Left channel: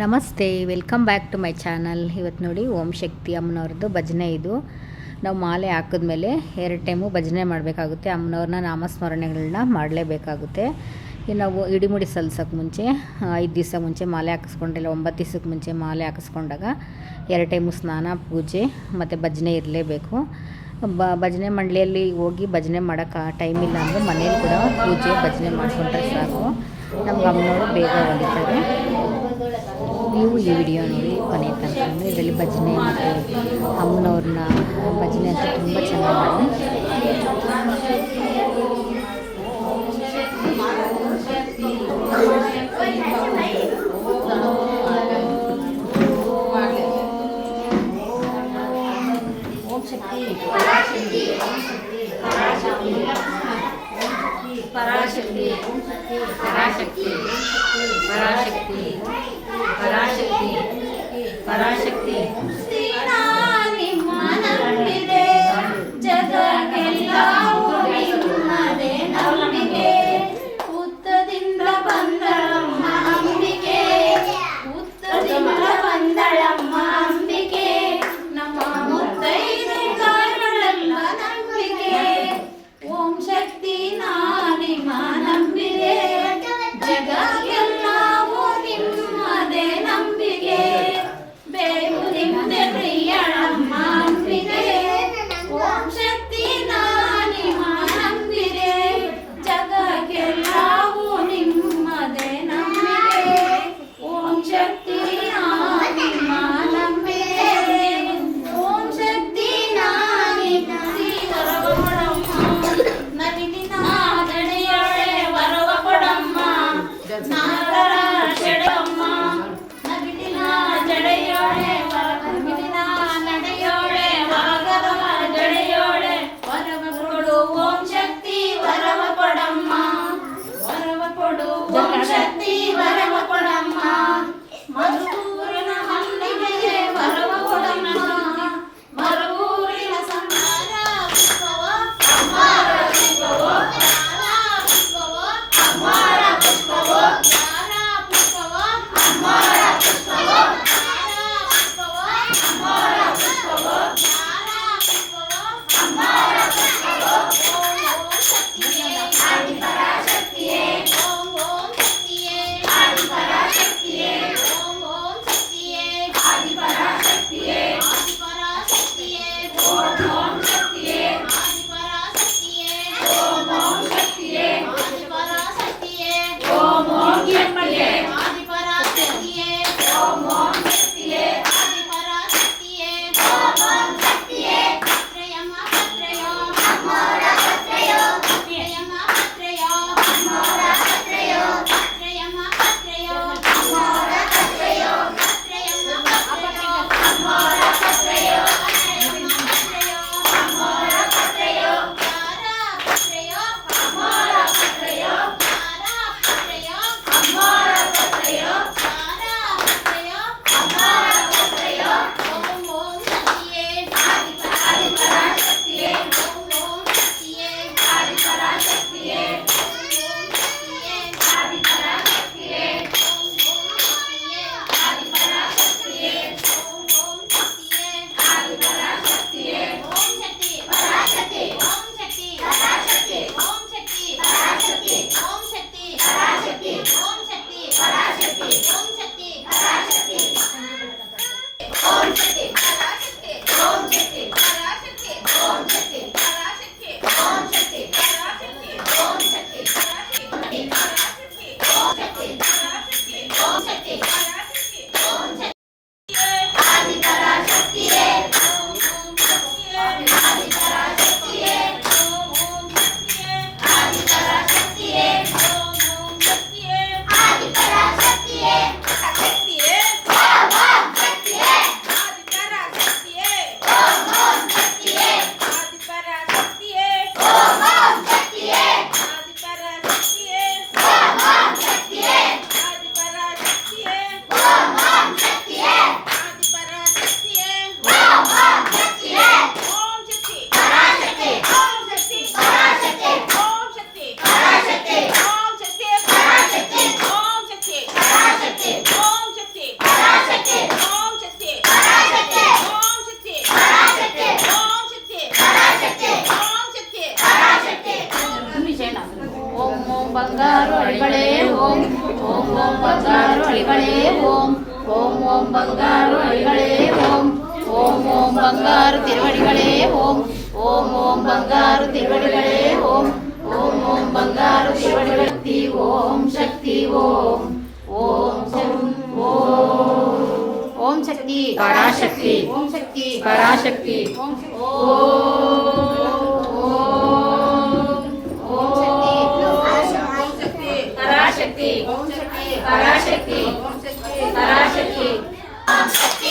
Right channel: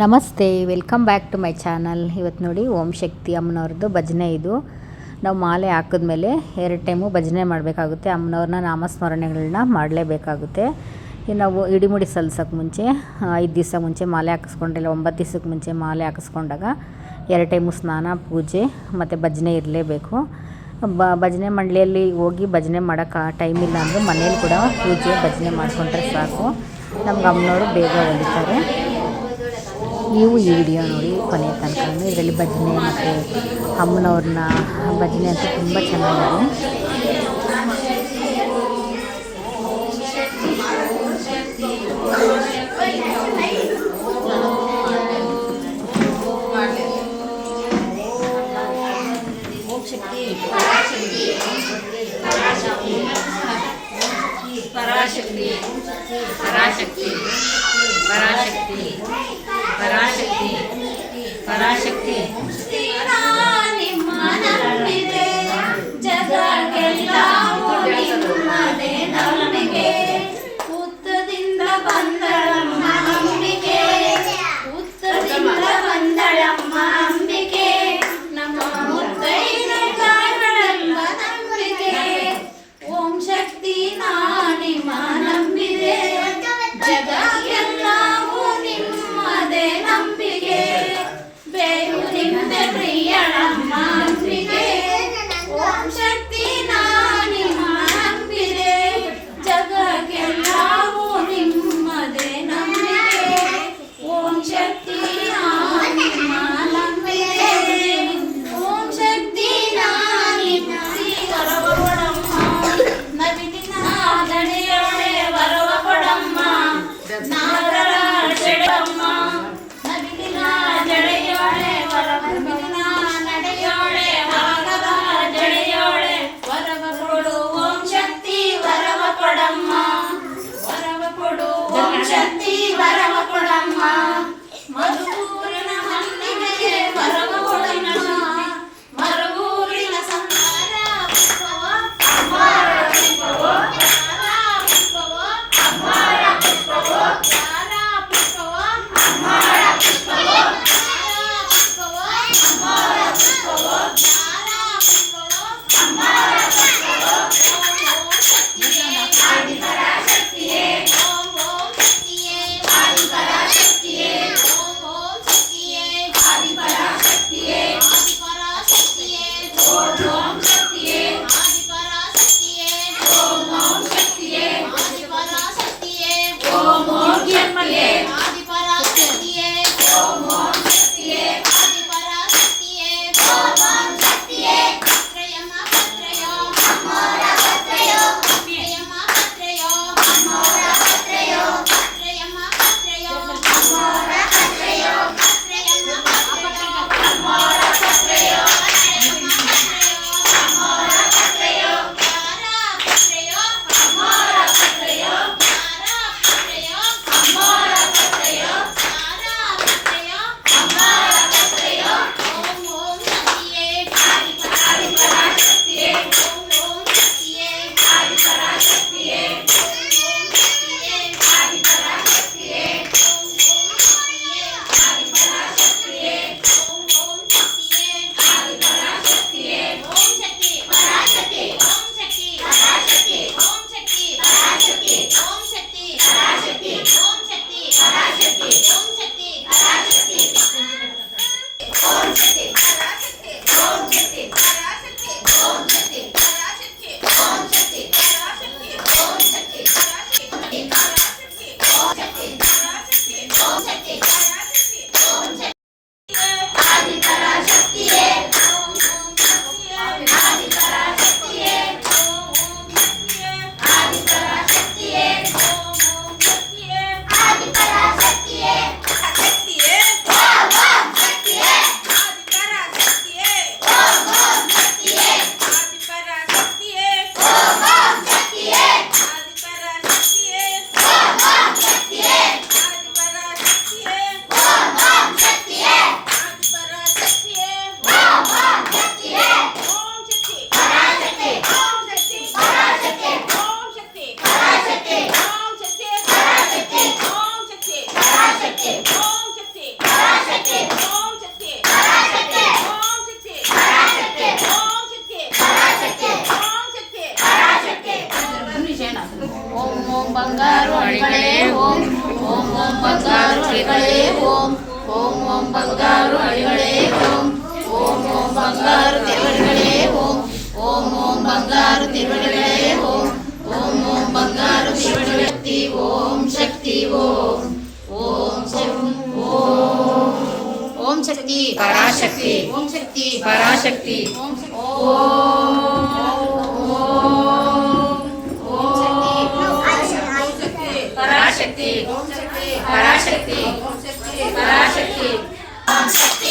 ನಮಸ್ತೆ, welcome back to my channel. ಇವತ್ತು ನೋಡಿ ಓಂ ಶಕ್ತಿ ಅಮ್ಮನವ್ರದ್ದು ಭಜನೆ ಇದು. ನಾವು ಮಾಲೆ ಹಾಕಿದ್ಮೇಲೆ ಎರಡು ಟೈಮು ಭಜನೆ ಮಾಡಬೇಕಾಗುತ್ತೆ. ಅಮ್ಮನವ್ರನ್ನ ನಾಮಸ್ಮರಣೆಗಳನ್ನ ಮಾಡಲೇಬೇಕಾಗುತ್ತೆ. ನಾವು ಇಡಿಮುಡಿ ಸಲ್ಸೋಕ್ಕೆ ಮುಂಚೆ ಐದು ದಿವಸ ಮುಂಚೆ ಮಾಲೆ ಹಾಕಿಸ್ಕೊಂಡಿಲ್ಲ ಒಂಬತ್ತು ದಿವಸಕ್ಕೆ ಮುಂಚೆ ಮಾಲೆ ಹಾಕಿಸ್ಕೊಂಡಾಗ ಎರಡು ಟೈಮು ಸ್ನಾನ, ಪೂಜೆ ಮತ್ತು ಭಜನೆ ಇರಲೇಬೇಕು. ಬ, ಭಜನೆ ಮಂಡಳಿಯಲ್ಲಿ ಹೋಗಿ ಭಜನೆ ಮಾಡೋಕ್ಕೆ ಟೈಮ್ ಇಲ್ಲ ಅಂದರೆ ಮನೇಲಿ ಕೂಡ ಪೂಜೆ, ಭಜನೆ ಮಾಡಿಕೊಂಡ್ರೆ ಸಾಕು. ನಮ್ಗೆ ಅಮ್ಮನವರು ಬೇಗ ಹೊಲಿತಾರೆ. ನೀವು ಈ ವಿಡಿಯೋ ನೋಡಿ ಕೊನೆ ತನಕ ಇದರಲ್ಲಿ ಭಜನೆ ಮತ್ತು ಅಮ್ಮನವ್ರನ್ನ ಭಜನೆ ಅಂತೂ ತುಂಬ ಚೆನ್ನಾಗಿದೆ. Argentina. ಬಂಗಾರು ಅಡಿಗಳೇ ಓಂ ಓಂ ಓಂ ಬಂಗಾರು ಅಡಿಗಳೇ ಓಂ ಓಂ ಓಂ ಬಂಗಾರು ಅಡಿಗಳೇ ಓಂ ಓಂ ಓಂ ಬಂಗಾರು ತಿರುಗಡೆಗಳೇ ಓಂ ಓಂ ಓಂ ಬಂಗಾರು ತಿರುಗಡೆಗಳೇ ಓಂ ಓಂ ಓಂ ಬಂಗಾರು ತಿರುಗಡೆ ಓಂ ಶಕ್ತಿ ಓಂ ಓಂ ಓಂ ಶಕ್ತಿ ಪರಾಶಕ್ತಿ ಓಂ ಶಕ್ತಿ ಪರಾಶಕ್ತಿ ಓಂ శక్తి పరాశక్తి పరాశక్తి.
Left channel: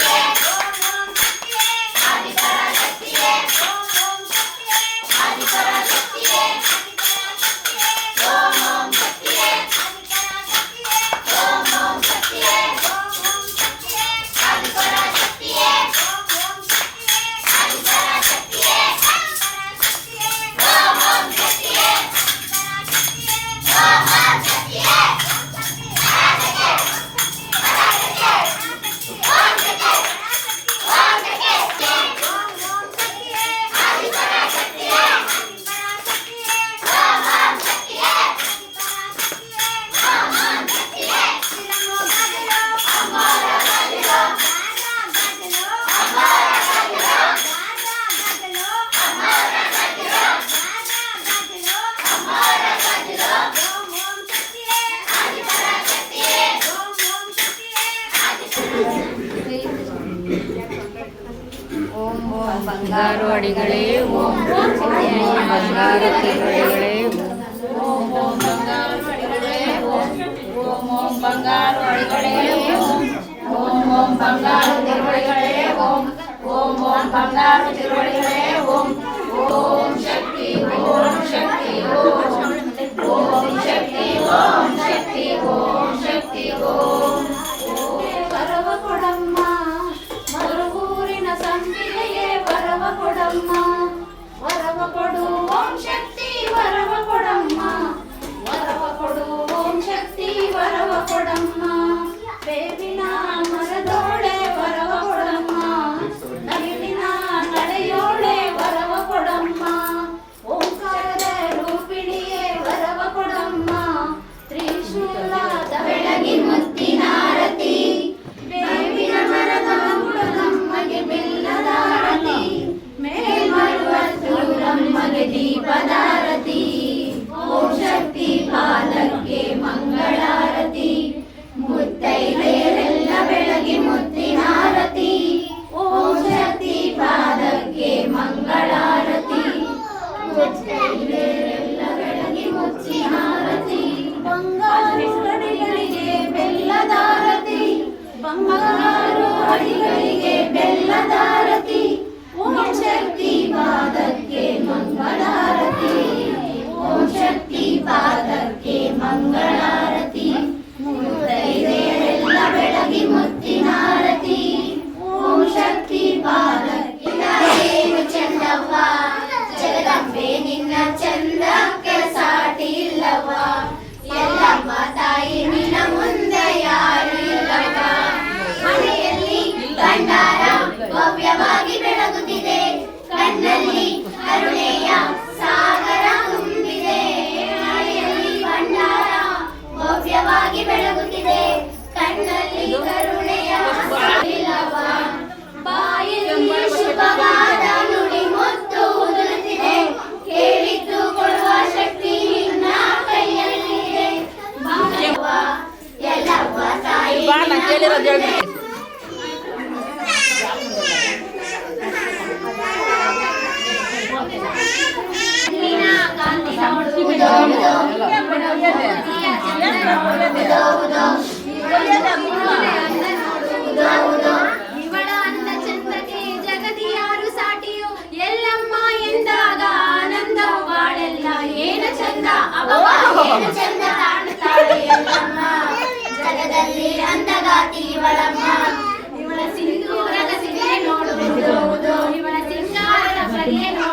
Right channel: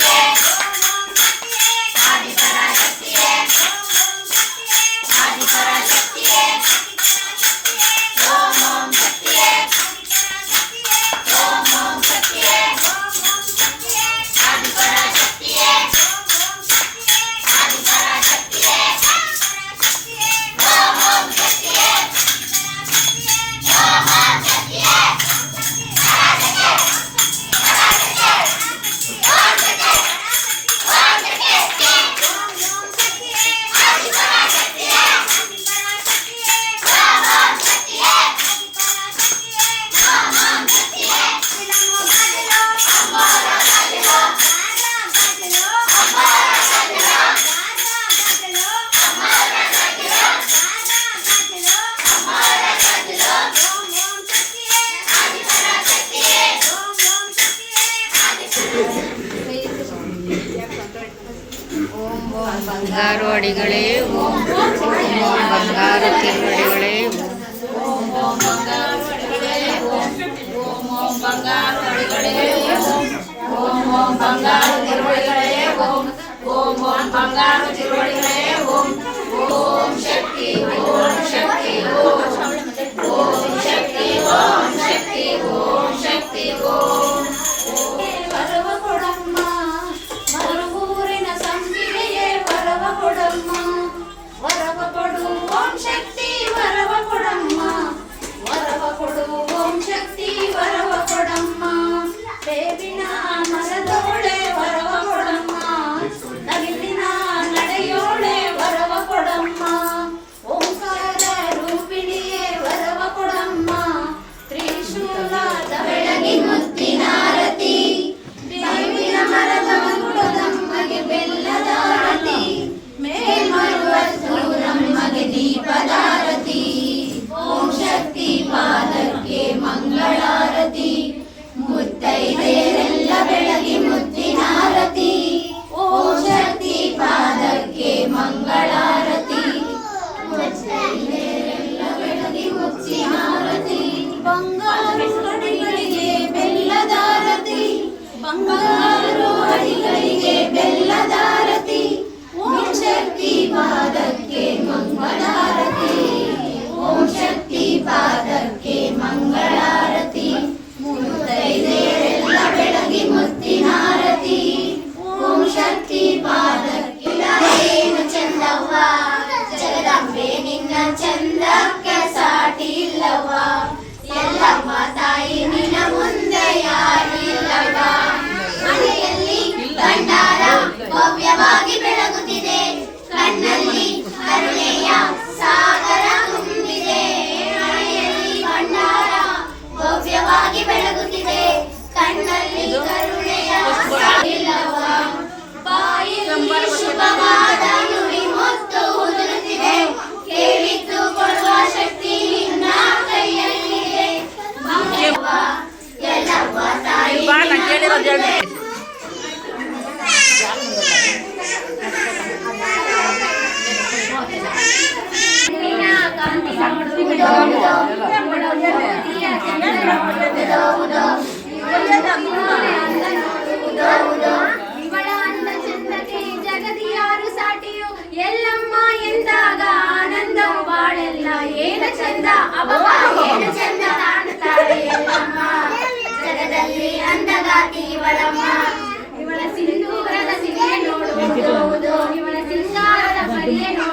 ಬಂಗಾರವಾಡಿಗಳೇ ಓಂ ಬಂಗಾರ ತಿರುವಡಿಗಳೇ ಓಂ ಓಂ ಬಂಗಾರವಾಡಿಗಳೇ ಓಂ ಓಂ ಬಂಗಾರ ತಿರುವಡಿಗಳೇ ಓಂ ಓಂ ಬಂಗಾರ ತಿರುವಡಿಗಳೇ Muhammad Ayan. ಮಂದಗಾತಿ ಇವಳಮ್ಮ ಇವಳ ಸಿಂಧೂರದ ಸಿರಿಯೆ ನೋಡುವುದು. ಇವಳ ಸಿಂಗಾರದ ಸರಿಯೆ ನೋಡುವುದು.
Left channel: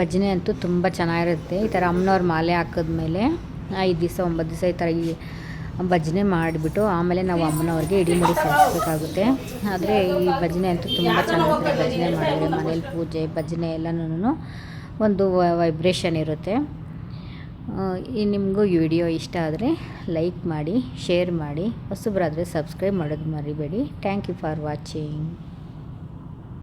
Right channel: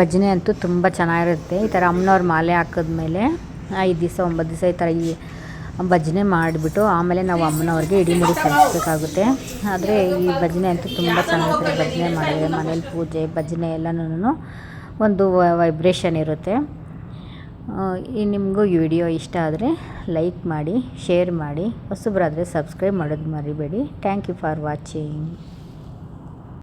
ಭಜನೆ ಅಂತೂ ತುಂಬ ಚೆನ್ನಾಗಿರುತ್ತೆ. ಈ ಥರ ಅಮ್ಮನವ್ರ ಮಾಲೆ ಹಾಕಿದ್ಮೇಲೆ ಐದು ದಿವಸ ಒಂಬತ್ತು ದಿವಸ ಈ ಥರ ಈ ಭಜನೆ ಮಾಡಿಬಿಟ್ಟು ಆಮೇಲೆ ನಾವು ಅಮ್ಮನವ್ರಿಗೆ ಇಡಿಮಡಿ ಮುಡಿ ಸಲ್ಲಿಸ್ಬೇಕಾಗುತ್ತೆ. ಆದರೆ ಈ ಭಜನೆ ಅಂತೂ ತುಂಬ ಚೆನ್ನಾಗಿರುತ್ತೆ. ಭಜನೆ ಮಾಡಿದ್ರೆ ಮನೇಲಿ ಪೂಜೆ, ಭಜನೆ ಎಲ್ಲನೂ ಒಂದು ವೈಬ್ರೇಷನ್ ಇರುತ್ತೆ. ಈ ನಿಮಗೂ ಈ ವಿಡಿಯೋ ಇಷ್ಟ ಆದರೆ ಲೈಕ್ ಮಾಡಿ ಶೇರ್ ಮಾಡಿ. ಹೊಸಬ್ರಾದರೆ ಸಬ್ಸ್ಕ್ರೈಬ್ ಮಾಡೋದು ಮರಿಬೇಡಿ. Thank you for watching